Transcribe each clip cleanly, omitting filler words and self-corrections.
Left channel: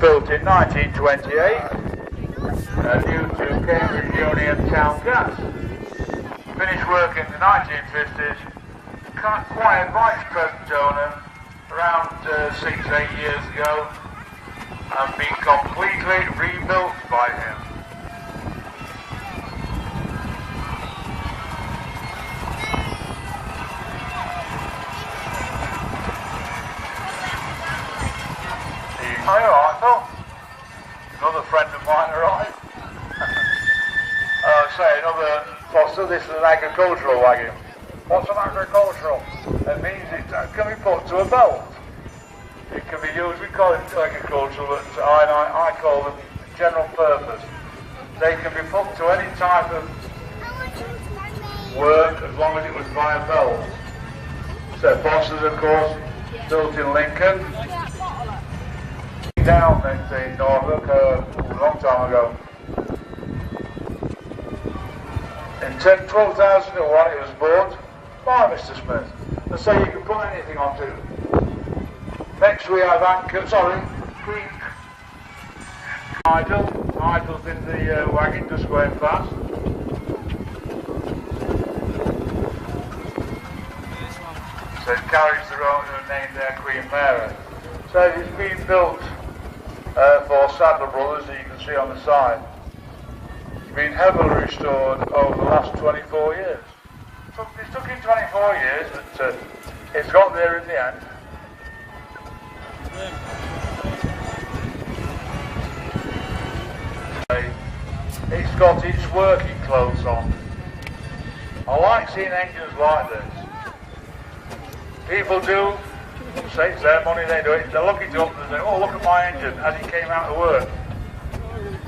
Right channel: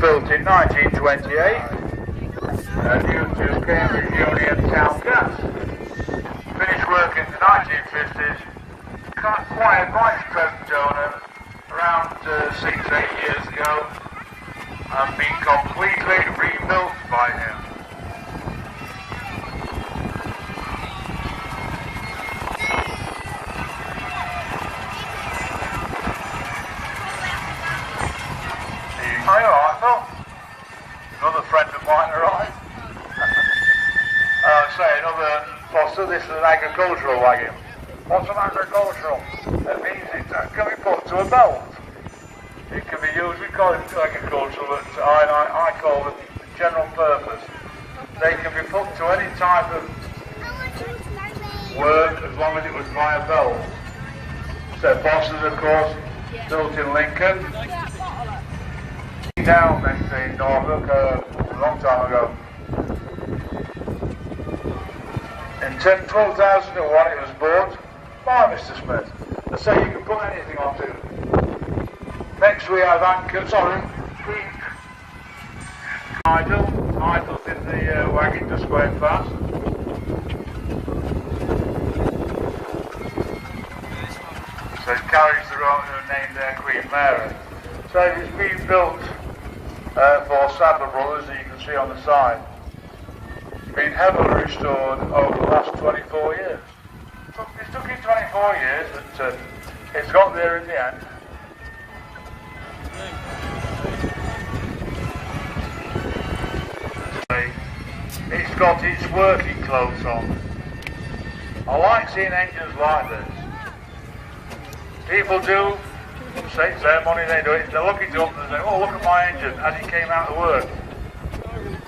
built in 1928, new to Cambridge Union Town Gas. Finished work in the 1950s, acquired by its present owner around 6-8 years ago, and been completely rebuilt by him. Are you alright, Phil? Another friend of mine arrived. Another fossil. This is an agricultural wagon. What's an agricultural? It means it can be put to a belt. It can be used, we call it agricultural, but I call them general purpose. They can be put to any type of work as long as it was by a belt. So Bosses, of course, built in Lincoln. Down in Norfolk a long time ago. In 12,001 it was bought by Mr. Smith. They say you can put anything onto it. Next we have anchors, idles in the wagon just going fast. So it carries the own name there, Queen Mary. So it's been built for Sadler Brothers, as you can see on the side. It's been heavily restored over the last 24 years. It took it 24 years, but it's got there in the end. It's got its working clothes on. I like seeing engines like this. People do say it's their money, they do it. They look it up and say, oh, look at my engine as it came out of work.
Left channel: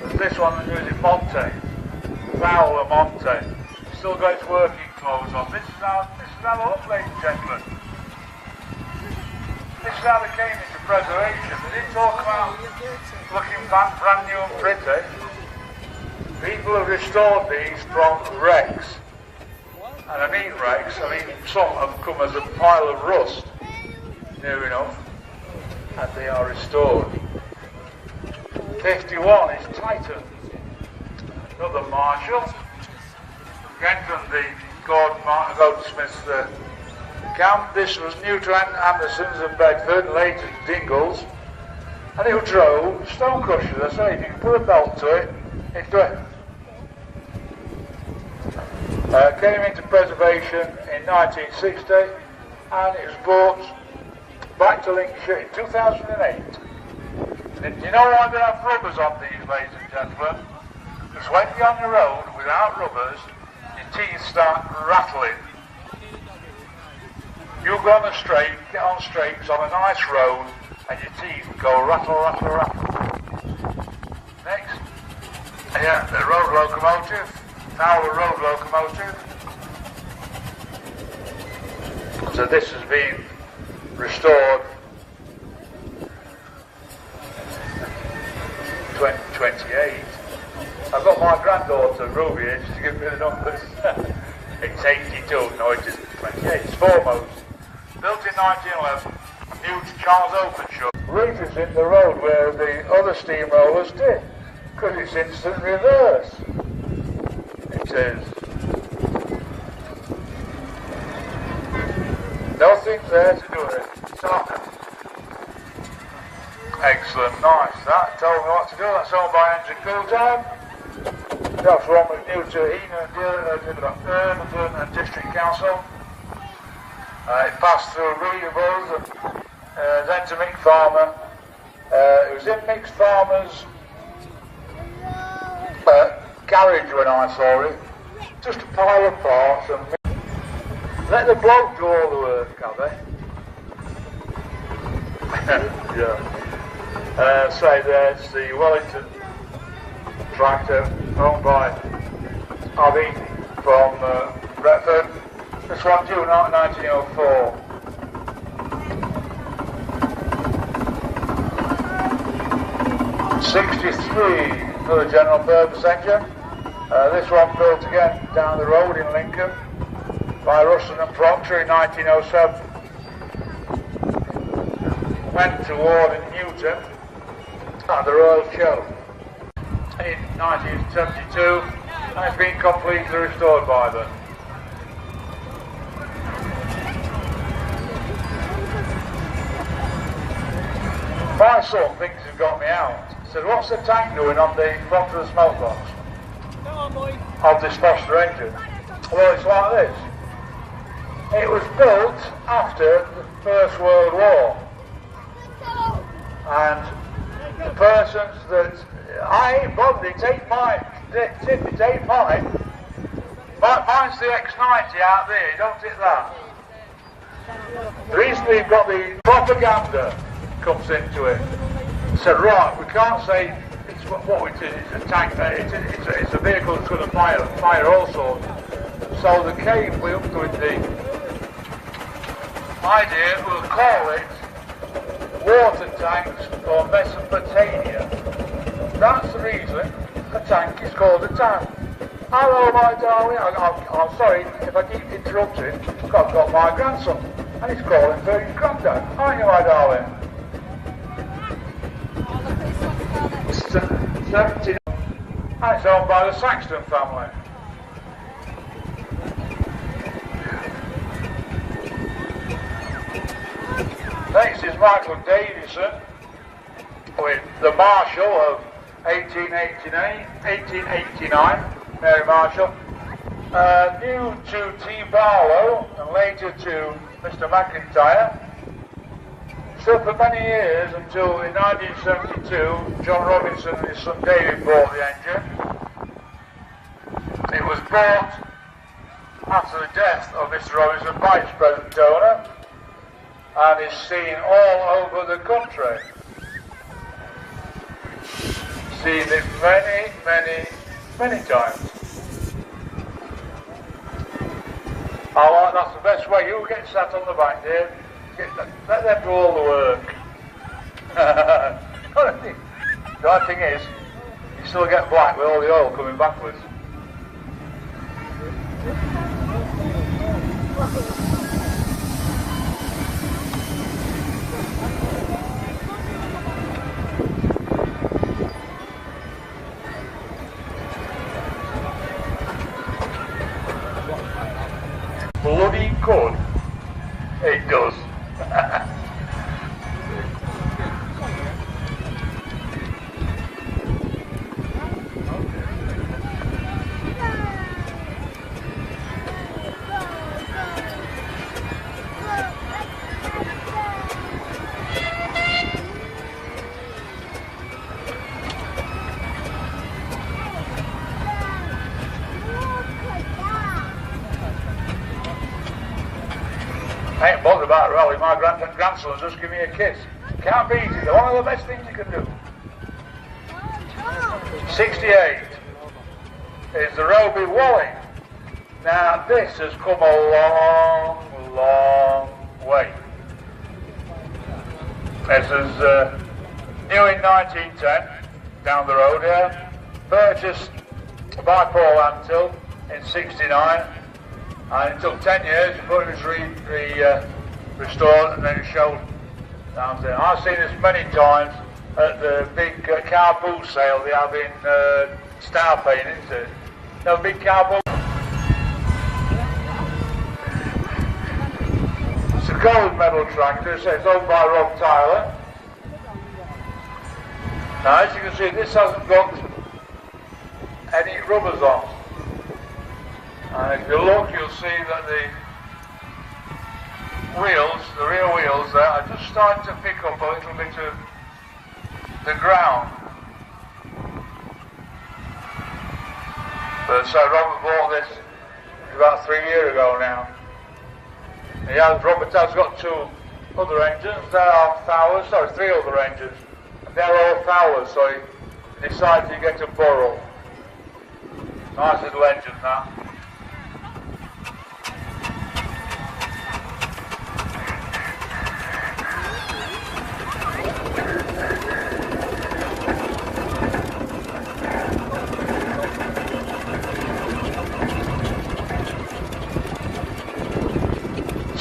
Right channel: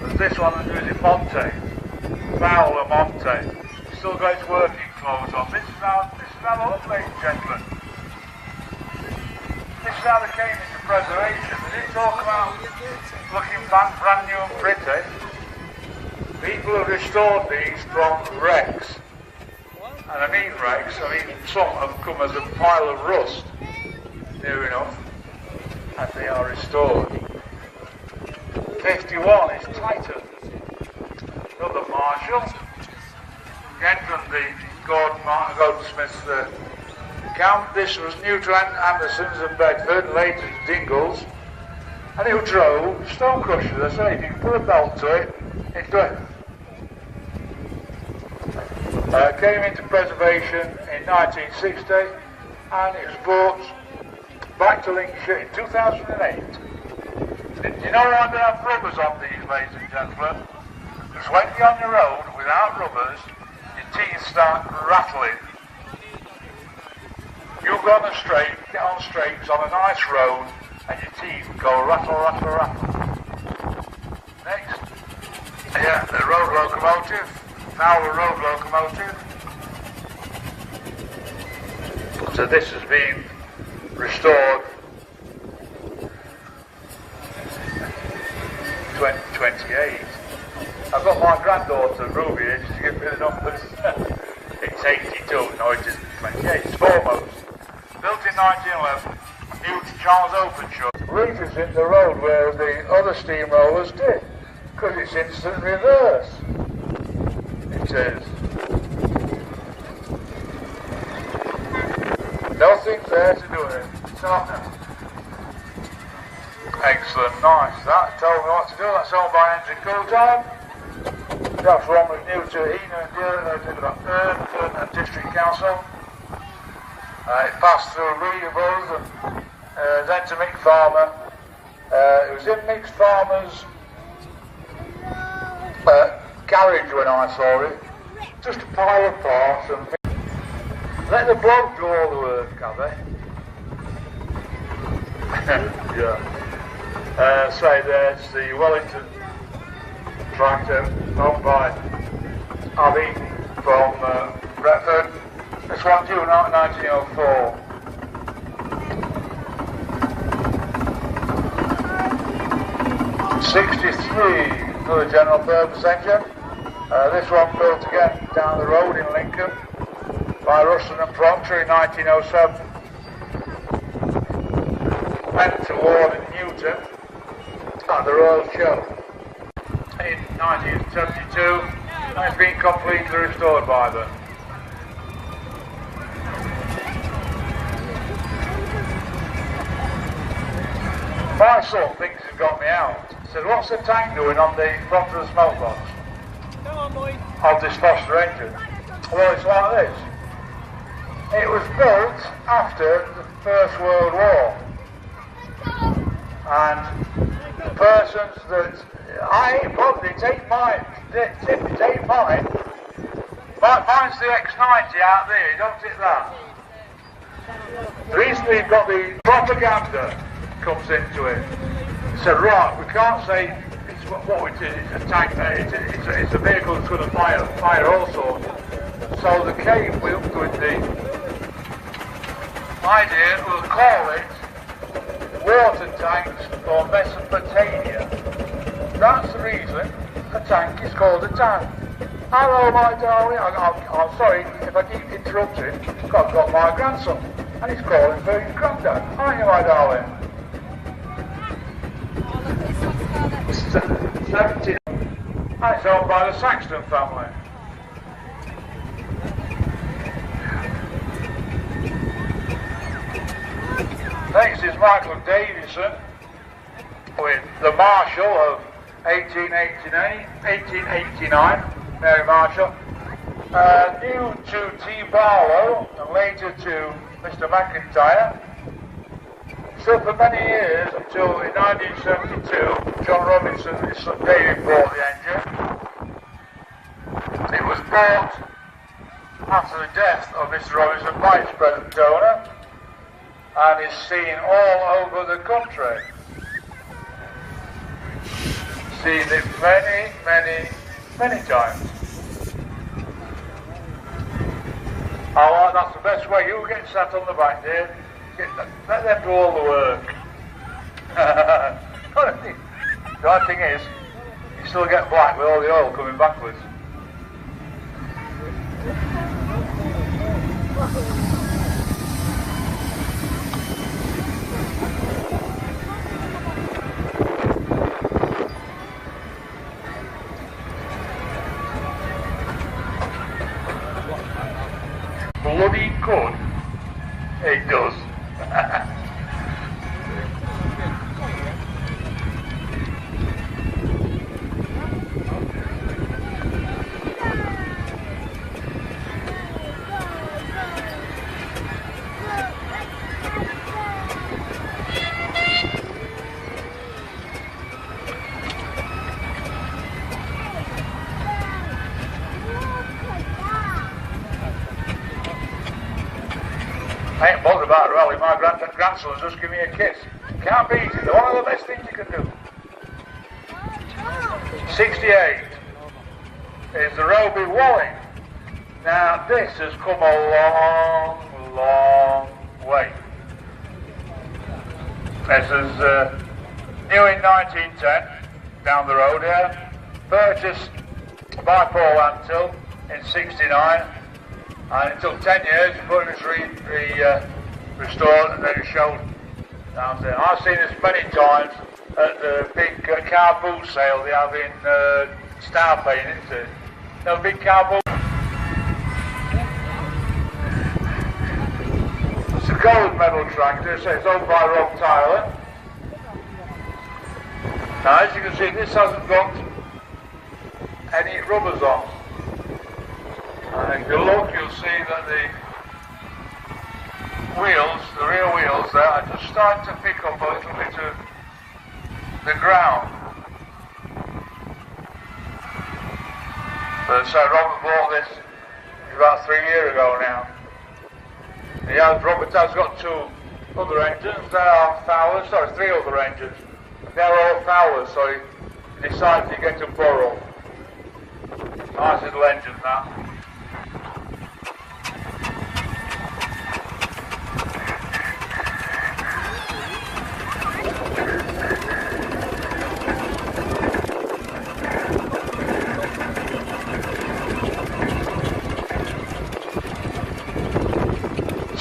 But this one is using Monte, Fowler Monte. It's still got its working clothes on. This is how they look, ladies and gentlemen. This is how they came into preservation. They didn't talk about looking brand new and pretty. People have restored these from wrecks. And I mean wrecks, some have come as a pile of rust. Near enough, and they are restored. 51 is Titan. Another Marshall. Again from the Goldsmiths camp. This was new to Anderson's and Bedford, later to Dingles. And it drove stone crushers. I say, if you can put a belt to it, it's good. Came into preservation in 1960, and it was brought back to Lincolnshire in 2008. Do you know why they have rubbers on these, ladies and gentlemen? Because when you're on the road without rubbers, your teeth start rattling. You go on the straight, get on straights on a nice road, and your teeth go rattle, rattle, rattle. Next. Yeah, the road locomotive. Now the road locomotive. So this has been restored 2028. I've got my granddaughter Ruby here just to give me the numbers. It's 82, no it isn't 28, it's foremost. Built in 1911, new to Charles Openshaw. Reef is in the road where the other steamrollers did, because it's instant reverse. It is. Nothing there to do with it. Excellent, nice. That told me what to do. That's owned by Engine Full-Time. That's one was new to Eno and Durham and District Council. It passed through William Rose and then to Mick Farmer. It was in Mick Farmer's garage when I saw it. Just a pile of parts and let the bloke do all the work, can they? Yeah. Say there's the Wellington tractor owned by Abby from Retford. This one due in 1904. '63 for the general purpose engine. This one built again down the road in Lincoln by Russell and Proctor in 1907. Went to Ward and Newton at the Royal Show in 1972, and it's been completely restored by them. My son thinks he's got me out. He said, what's the tank doing on the front of the smoke box of this Foster engine? Well, it's like this. It was built after the First World War. And the persons that mine's the X90 out there, don't it that? The reason you've got the propaganda comes into it. He said, right, we can't say it's what it is, it's a tank, it's a vehicle that's going to fire also. So the came with the idea, we'll call it water tanks or Mesopotamia. That's the reason a tank is called a tank. Hello, my darling. I'm sorry if I keep interrupting. I've got my grandson, and he's calling for his granddad. Aren't you, my darling? 17. That's owned by the Saxton family. Next is Michael Davison with the Marshall of 1889, Mary Marshall, new to T. Barlow and later to Mr. McIntyre. So for many years, until in 1972, John Robinson and his son David bought the engine. It was bought after the death of Mr. Robinson by its present owner, and is seen all over the country. Seen it many, many, many times. Oh, that's the best way. You get sat on the back there, let them do all the work. The bad thing is, you still get black with all the oil coming backwards. Bloody good. It does. I ain't bothered about rally. My grandson will just give me a kiss. It can't be easy. They're one of the best things you can do. 68 is the Roby Walling. Now this has come a long, long way. This is new in 1910, down the road here. Purchased by Paul Antill in 69. And it took 10 years before it was restored and then it showed down there. I've seen this many times at the big car boot sale they have in Star Payne, isn't it? No big car boot. It's a gold medal tractor. It says owned by Rob Tyler. Now as you can see, this hasn't got any rubbers on. And if you look, you'll see that the wheels, the rear wheels there, are just starting to pick up a little bit of the ground. But so Robert bought this about 3 years ago now. Robert has got 2 other engines, they are Towers, sorry, 3 other engines. They're all Towers, so he decided to get a borrow. Nice little engine now.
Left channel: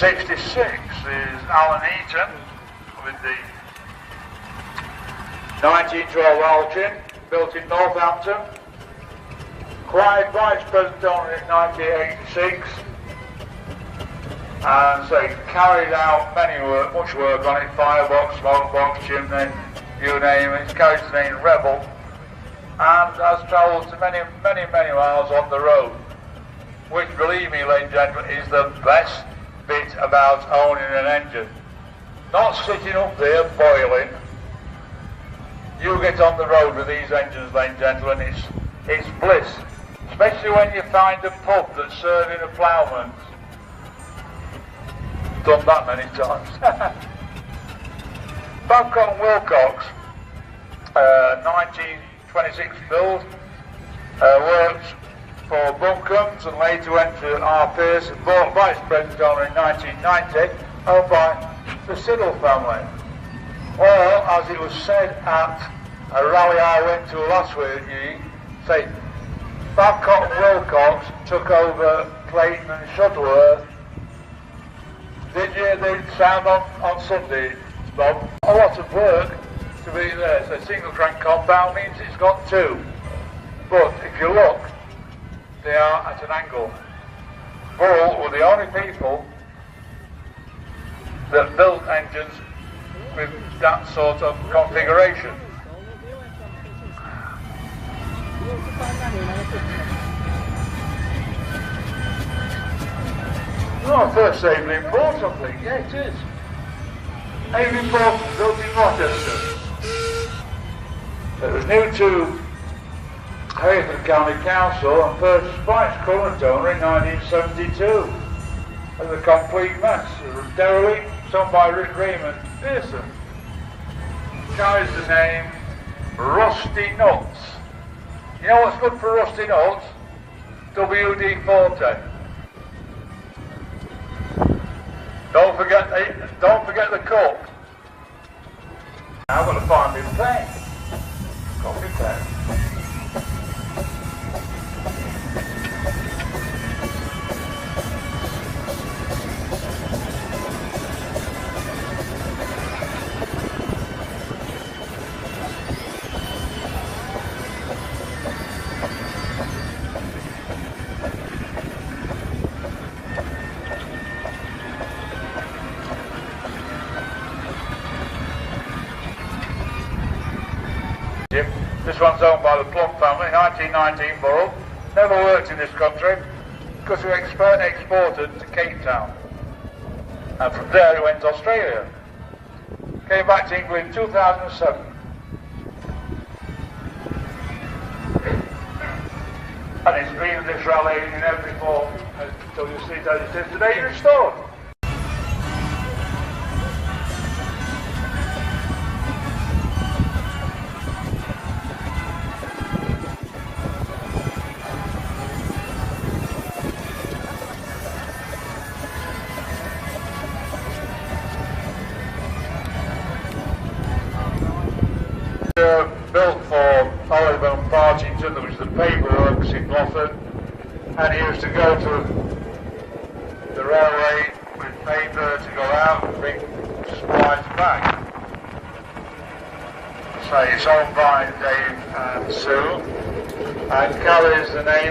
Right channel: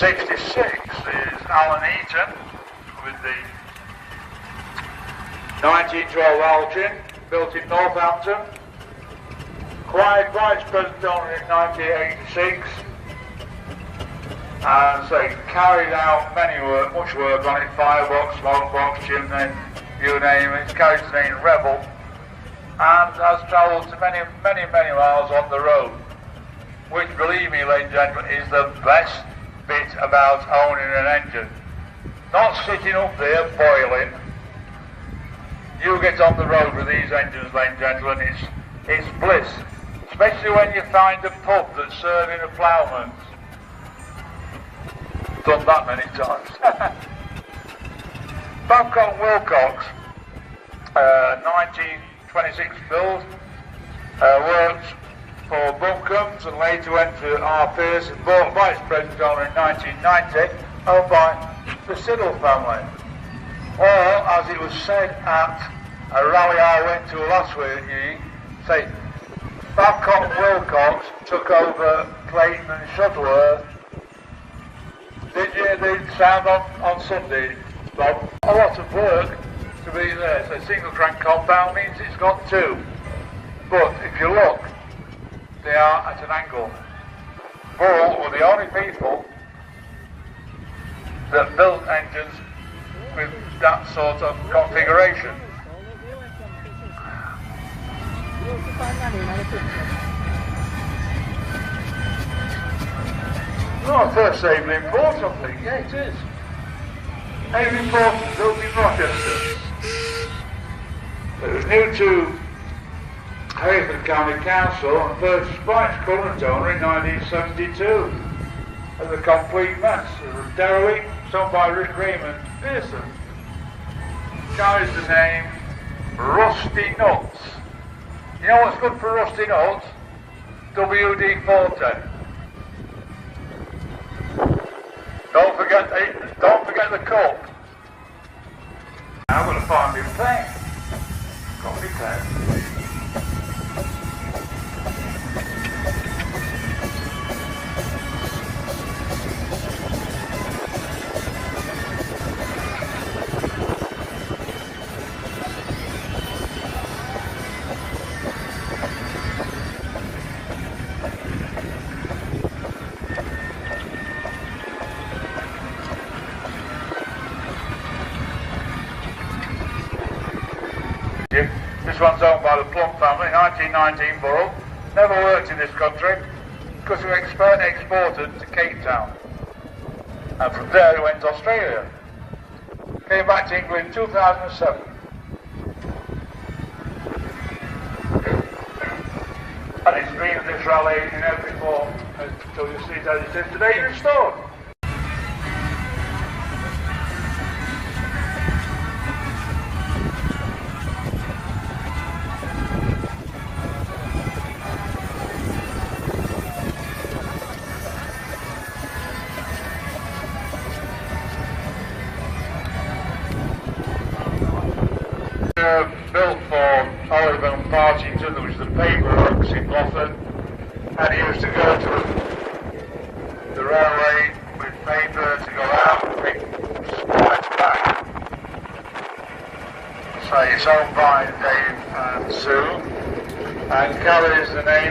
'66 is Alan Eaton with the 1912 Alchin, built in Northampton. Acquired by Spedstone in 1986. And so he carried out much work on it, firebox, smoke box, chimney, you name it. It's carried its name Rebel, and has travelled to many miles on the road, which, believe me, ladies and gentlemen, is the best bit about owning an engine. Not sitting up there boiling. You get on the road with these engines, ladies and gentlemen, it's bliss, especially when you find a pub that's serving a ploughman. Done that many times. Babcock & Wilcox, 1926 build, worked for Buncombe's and later went to R. Pierce and bought by Spedstone in 1990, owned by the Siddle family. Or, as it was said at a rally I went to last week, say, Babcock & Wilcox took over Clayton and Shuttleworth. Did you hear the sound on Sunday, Bob? A lot of work to be there. So single crank compound means it's got two. But if you look, they are at an angle. Bull were the only people that built engines with that sort of configuration. Oh, first Aveling Port, I think. Yeah, it is. Aveling Port built in Rochester. It was new to Haverford County Council and purchased by its current owner in 1972. As a complete mess. It was derelict, owned by Rick Raymond Pearson. Carries the name Rusty Nuts. You know what's good for Rusty Nuts? WD-40. Don't forget the cup. I'm going to find me the pen. Got me pen. This one's owned by the Plum family, 1919 bull. Never worked in this country because we exported to Cape Town. And from there we went to Australia. Came back to England in 2007. And it's been in this rally in every form until you see it as it is today in stone. Built for Oliver and Partington. There was the paperworks in Moffat, and he used to go to the railway with paper to go out and bring supplies back. So it's owned by Dave and Sue and carries the name